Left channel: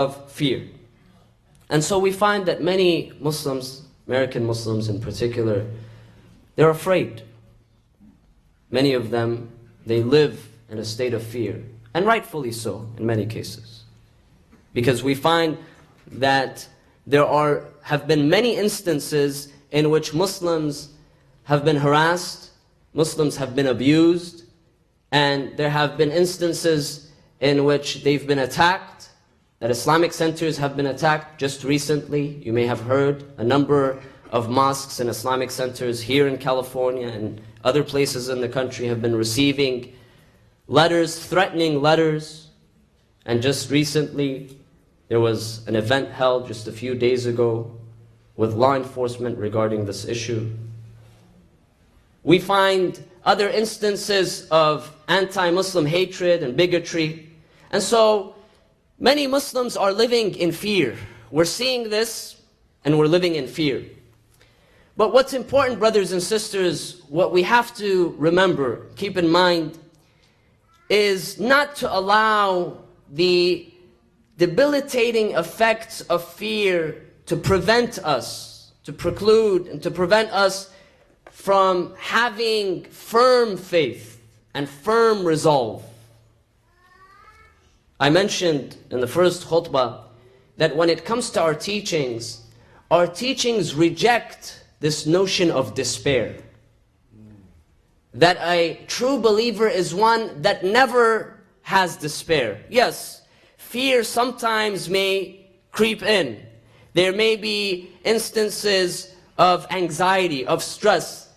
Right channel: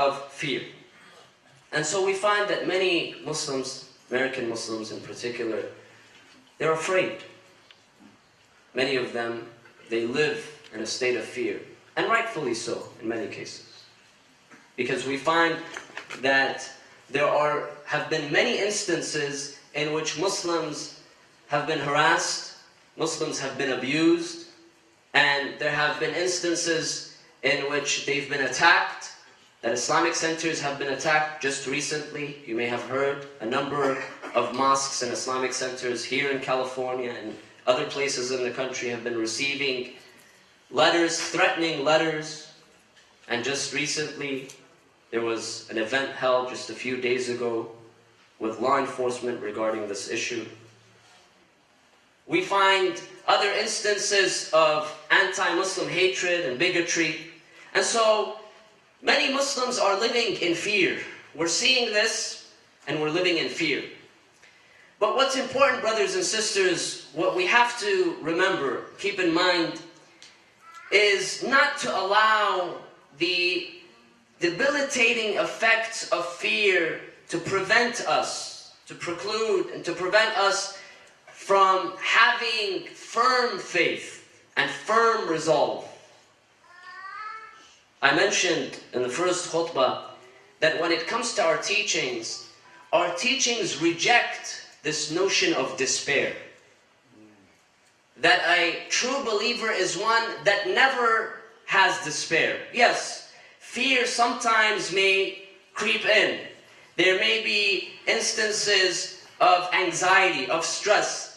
of fear. And so we find that many Muslims, American Muslims in particular, they're afraid. Many of them, they live in a state of fear, and rightfully so in many cases. Because we find that there have been many instances in which Muslims have been harassed, Muslims have been abused, and there have been instances in which they've been attacked, that Islamic centers have been attacked. Just recently, you may have heard, a number of mosques and Islamic centers here in California and other places in the country have been receiving letters, threatening letters. And just recently, there was an event held just a few days ago with law enforcement regarding this issue. We find other instances of anti-Muslim hatred and bigotry. And so many Muslims are living in fear. We're seeing this and we're living in fear. But what's important, brothers and sisters, what we have to remember, keep in mind, is not to allow the debilitating effects of fear to prevent us, to preclude and to prevent us from having firm faith and firm resolve. I mentioned in the first khutbah that when it comes to our teachings reject this notion of despair. That a true believer is one that never has despair. Yes, fear sometimes may creep in. There may be instances of anxiety, of stress,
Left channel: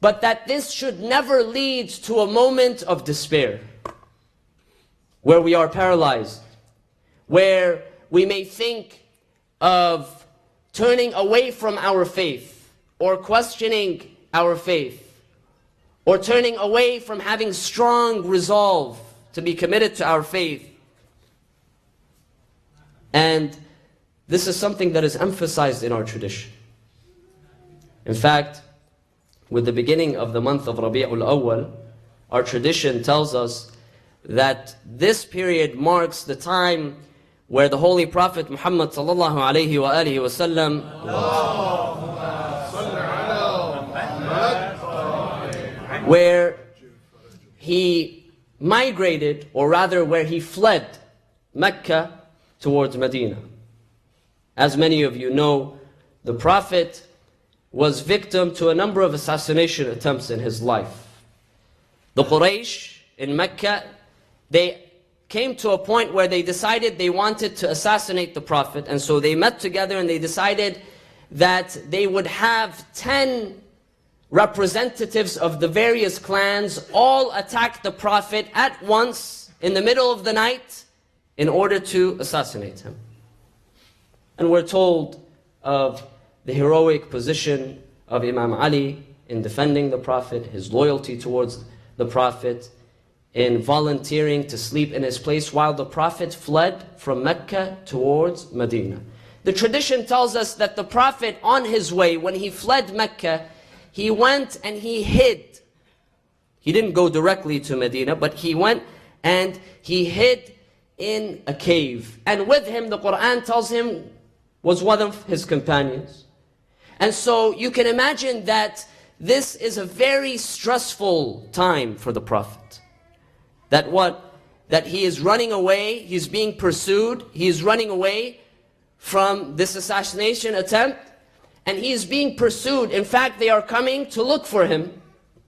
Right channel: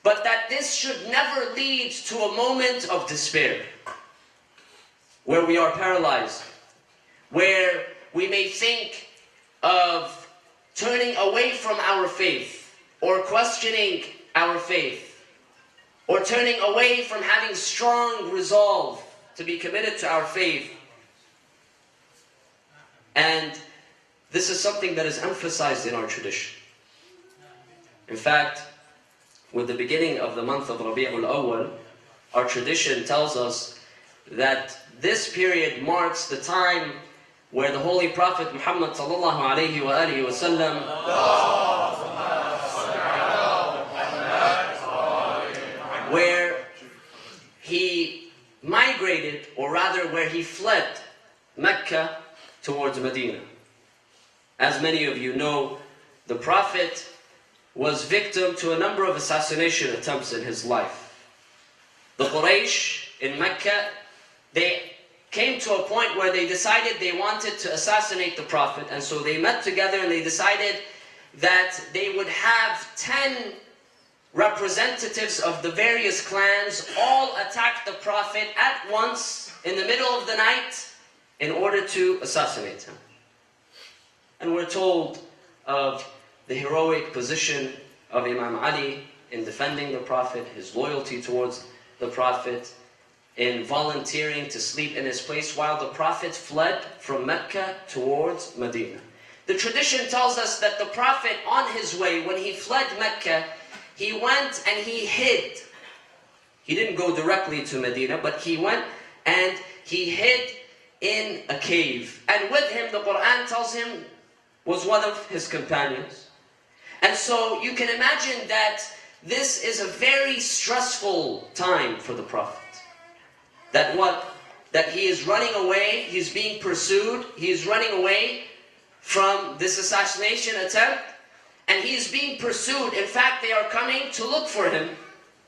but that this should never lead to a moment of despair, where we are paralyzed, where we may think of turning away from our faith, or questioning our faith, or turning away from having strong resolve to be committed to our faith. And this is something that is emphasized in our tradition. In fact, with the beginning of the month of Rabi'ul Awwal, our tradition tells us that this period marks the time where the Holy Prophet Muhammad sallallahu alayhi wa alihi wa sallam where he migrated, or rather where he fled Mecca towards Medina. As many of you know, the Prophet was victim to a number of assassination attempts in his life. The Quraysh in Mecca, they came to a point where they decided they wanted to assassinate the Prophet, and so they met together and they decided that they would have 10 representatives of the various clans all attack the Prophet at once in the middle of the night in order to assassinate him. And we're told of the heroic position of Imam Ali in defending the Prophet, his loyalty towards the Prophet, in volunteering to sleep in his place while the Prophet fled from Mecca towards Medina. The tradition tells us that the Prophet, on his way, when he fled Mecca, he went and he hid. He didn't go directly to Medina, but he went and he hid in a cave. And with him, the Quran tells him, was one of his companions. And so you can imagine that this is a very stressful time for the Prophet. That he is running away, he's being pursued, he's running away from this assassination attempt, and he's being pursued. In fact, they are coming to look for him.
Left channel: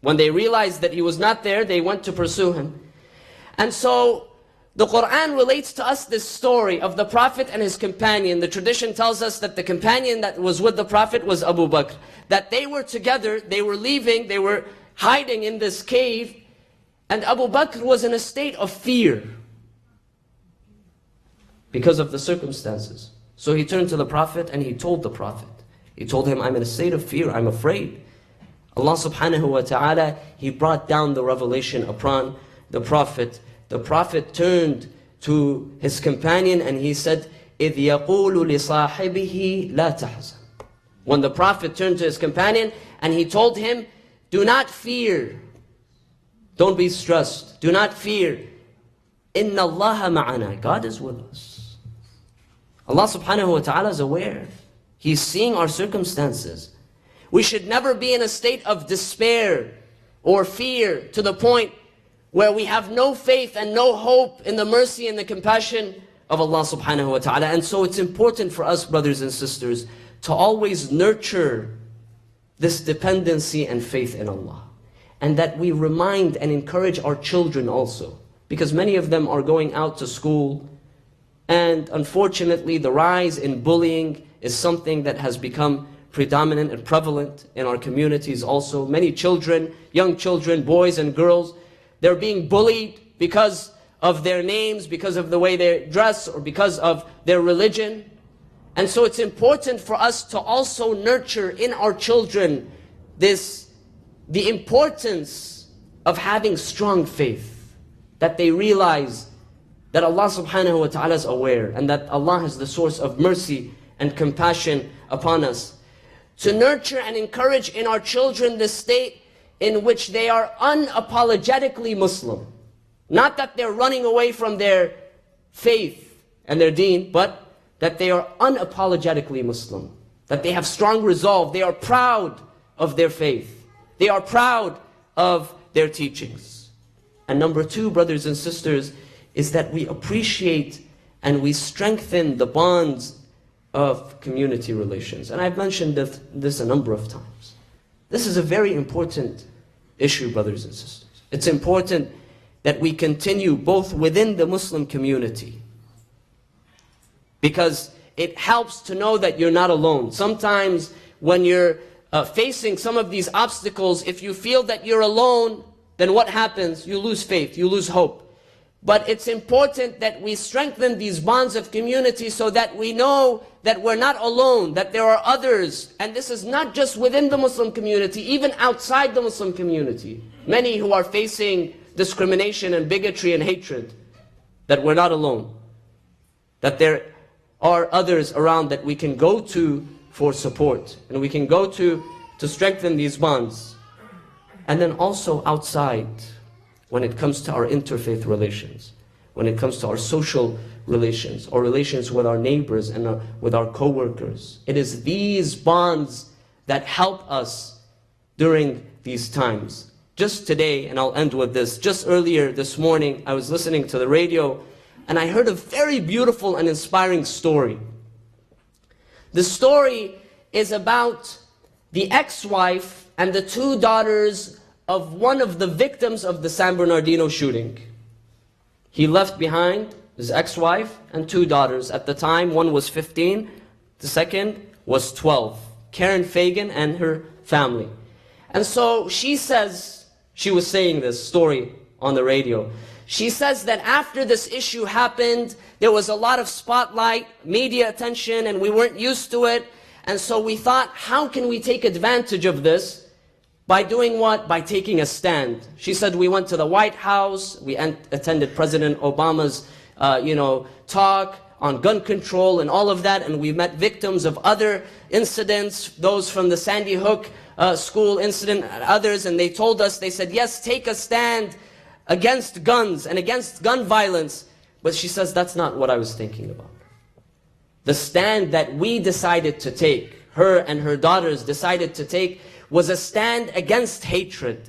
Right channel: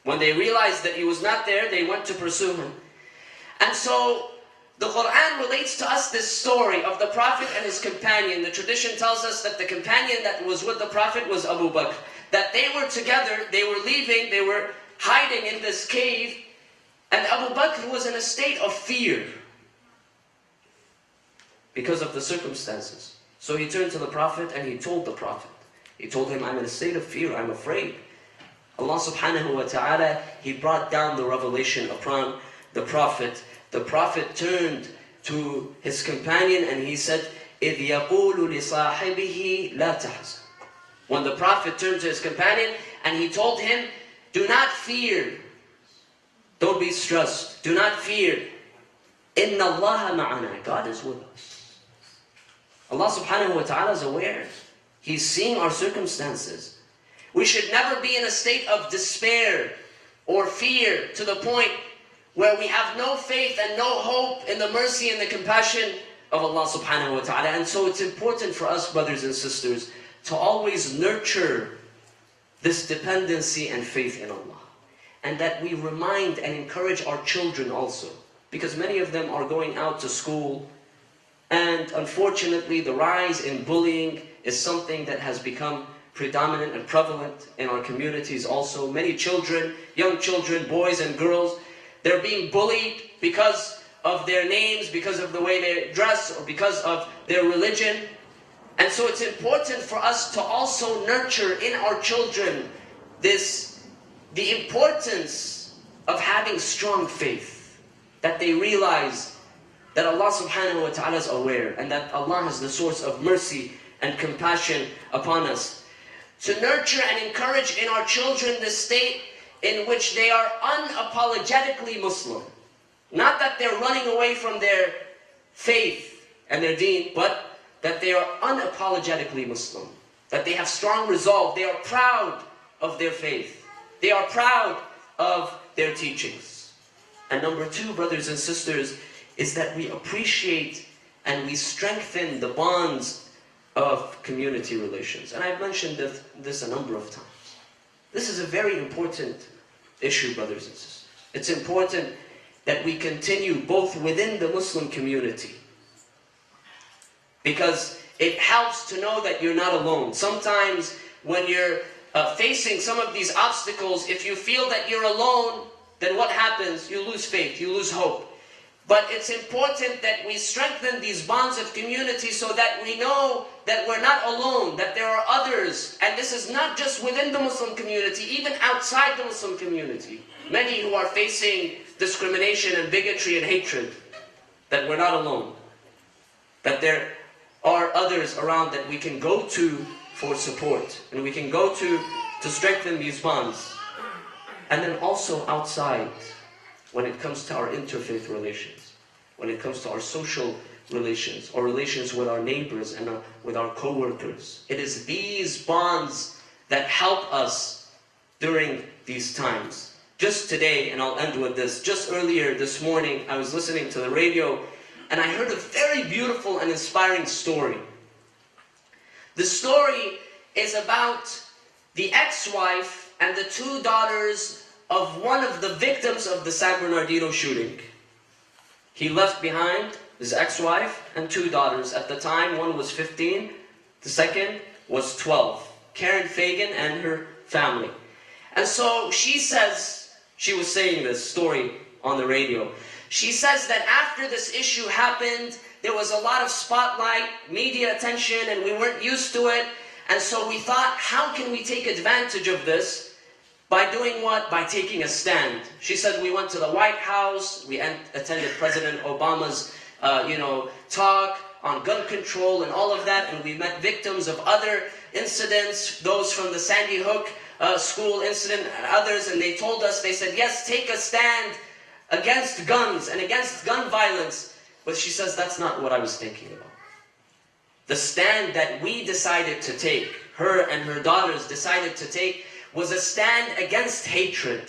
When they realized that he was not there, they went to pursue him. And so the Quran relates to us this story of the Prophet and his companion. The tradition tells us that the companion that was with the Prophet was Abu Bakr. That they were together, they were leaving, they were hiding in this cave, and Abu Bakr was in a state of fear because of the circumstances. So he turned to the Prophet and he told the Prophet. He told him, I'm in a state of fear, I'm afraid. Allah subhanahu wa ta'ala, He brought down the revelation upon the Prophet. The Prophet turned to his companion and he said, إِذْ يَقُولُ لِصَاحِبِهِ لَا تَحْزَنْ. When the Prophet turned to his companion and he told him, do not fear. Don't be stressed. Do not fear. إِنَّ اللَّهَ مَعَنَا. God is with us. Allah subhanahu wa ta'ala is aware. He's seeing our circumstances. We should never be in a state of despair or fear to the point where we have no faith and no hope in the mercy and the compassion of Allah subhanahu wa ta'ala. And so it's important for us, brothers and sisters, to always nurture this dependency and faith in Allah. And that we remind and encourage our children also. Because many of them are going out to school, and unfortunately the rise in bullying is something that has become predominant and prevalent in our communities also. Many children, young children, boys and girls, they're being bullied because of their names, because of the way they dress, or because of their religion. And so it's important for us to also nurture in our children the importance of having strong faith, that they realize that Allah subhanahu wa ta'ala is aware, and that Allah is the source of mercy and compassion upon us. To nurture and encourage in our children the state in which they are unapologetically Muslim. Not that they're running away from their faith and their deen, but that they are unapologetically Muslim. That they have strong resolve. They are proud of their faith. They are proud of their teachings. And number two, brothers and sisters, is that we appreciate and we strengthen the bonds of community relations. And I've mentioned this a number of times. This is a very important issue, brothers and sisters. It's important that we continue both within the Muslim community, because it helps to know that you're not alone. Sometimes when you're facing some of these obstacles, if you feel that you're alone, then what happens? You lose faith, you lose hope. But it's important that we strengthen these bonds of community so that we know that we're not alone, that there are others. And this is not just within the Muslim community, even outside the Muslim community. Many who are facing discrimination and bigotry and hatred, that we're not alone. That there are others around that we can go to for support, and we can go to strengthen these bonds. And then also outside, when it comes to our interfaith relations, when it comes to our social relations, or relations with our neighbors and with our co-workers. It is these bonds that help us during these times. Just today, and I'll end with this, just earlier this morning, I was listening to the radio, and I heard a very beautiful and inspiring story. The story is about the ex-wife and the two daughters of one of the victims of the San Bernardino shooting. He left behind his ex-wife and two daughters. At the time, one was 15, the second was 12. Karen Fagan and her family. And so she says, she was saying this story on the radio. She says that after this issue happened, there was a lot of spotlight, media attention, and we weren't used to it. And so we thought, how can we take advantage of this? By doing what? By taking a stand. She said, we went to the White House, we attended President Obama's talk on gun control and all of that, and we met victims of other incidents, those from the Sandy Hook school incident and others, and they told us, they said, yes, take a stand against guns and against gun violence. But she says, that's not what I was thinking about. The stand that we decided to take, her and her daughters decided to take, was a stand against hatred,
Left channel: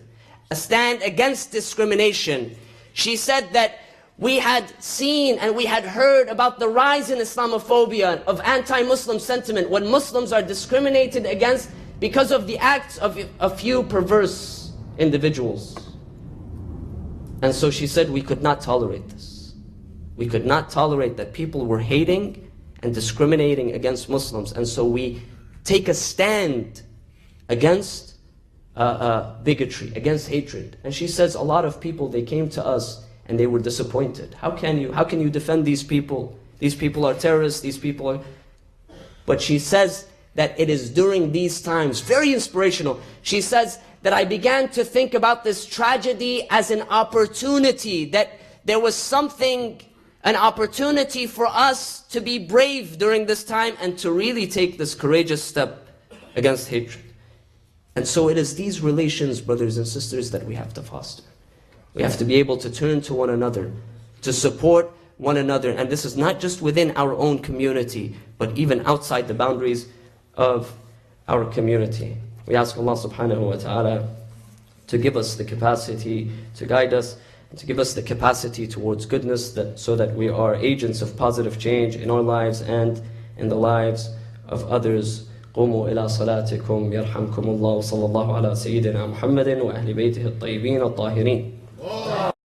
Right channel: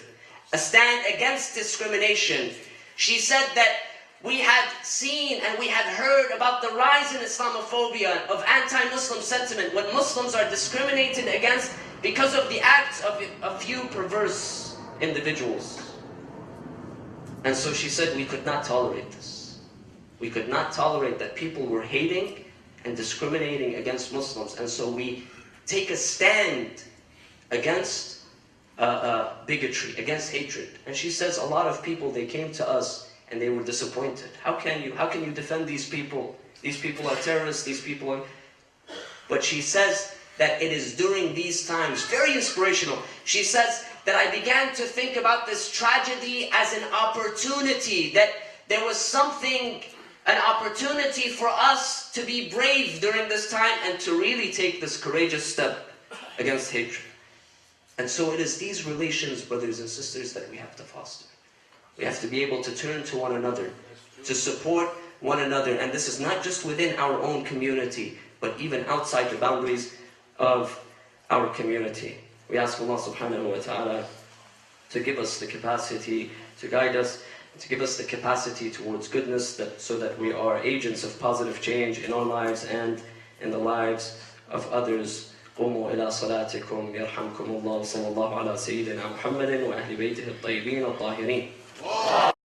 a stand against discrimination. She said that we had seen and we had heard about the rise in Islamophobia, of anti-Muslim sentiment, when Muslims are discriminated against because of the acts of a few perverse individuals. And so she said we could not tolerate this. We could not tolerate that people were hating and discriminating against Muslims. And so we take a stand against bigotry, against hatred. And she says a lot of people, they came to us and they were disappointed. How can you defend these people? These people are terrorists, these people are... But she says that it is during these times, very inspirational, she says that I began to think about this tragedy as an opportunity, that there was something, an opportunity for us to be brave during this time and to really take this courageous step against hatred. And so it is these relations, brothers and sisters, that we have to foster. We have to be able to turn to one another, to support one another. And this is not just within our own community, but even outside the boundaries of our community. We ask Allah subhanahu wa ta'ala to give us the capacity to guide us, and to give us the capacity towards goodness, so that we are agents of positive change in our lives and in the lives of others. قوموا إلى صلاتكم يرحمكم الله وصلى الله على سيدنا محمد وأهل بيته الطيبين الطاهرين.